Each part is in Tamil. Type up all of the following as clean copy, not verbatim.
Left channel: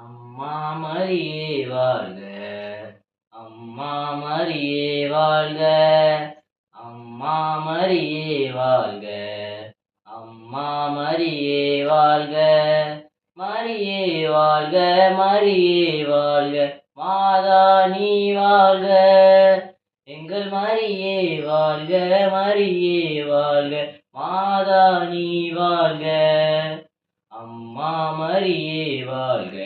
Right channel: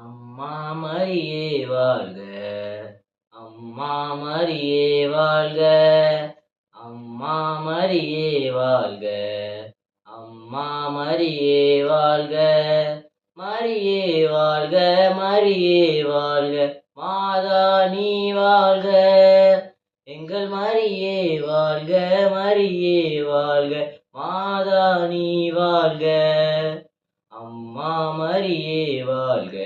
அம்மா மரியே வாழ்க, அம்மா மரியே வாழ்க, அம்மா மரியே வாழ்க, அம்மா மரியே வாழ்க, மரியே வாழ்க, மரியே வாழ்க, மாதா நீ வாழ்க, எங்கள் மரியே வாழ்க, மரியே வாழ்க, மாதா நீ வாழ்க, அம்மா மரியே வாழ்க,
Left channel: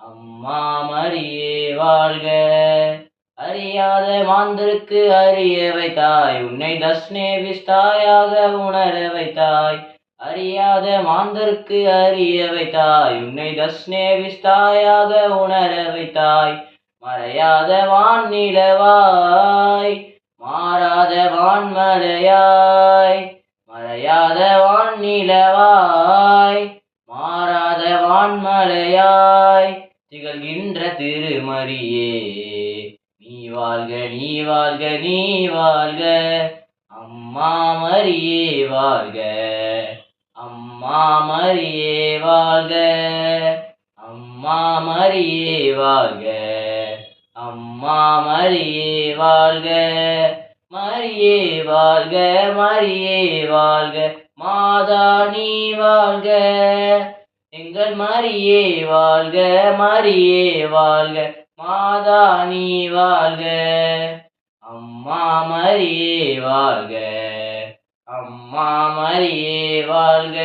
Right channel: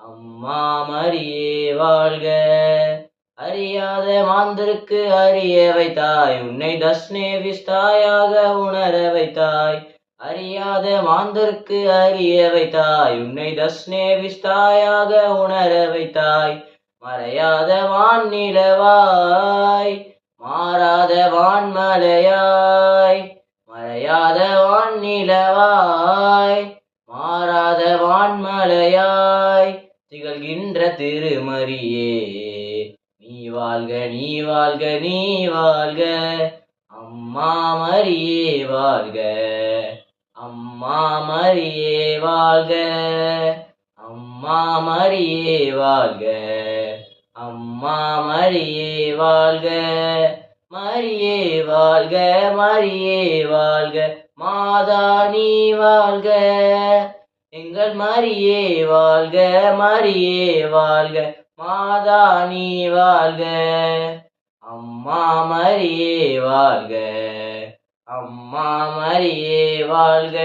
அம்மா மரியே வாழ்க. அறியாத மாந்தருக்கு அறிய வைத்தாய், உன்னை தஸ்னேவிஸ்தாயாக உணர வைத்தாய். அறியாத மாந்தருக்கு அறிய வைத்தாய், உன்னை தஸ்னேவிஸ்தாயாக உணர வைத்தாய். மறையாத வான்நிலவாய், மாறாத வான்மலையாய். மறையாத வான்நிலவாய், மாறாத வான்மலையாய் திகழ்கின்ற திருமரியே நீ வாழ்க, நீ வாழ்க, நீ வாழ்க. அம்மா மரியே வாழ்க, அம்மா மரியே வாழ்க, அம்மா மரியே வாழ்க, அம்மா மரியே வாழ்க, மரியே வாழ்க, மரியே வாழ்க, மாதா நீ வாழ்க, எங்கள் மரியே வாழ்க, மரியே வாழ்க, மாதா நீ வாழ்க, அம்மா மரியே வாழ்க, அம்மா மரியே வாழ்க.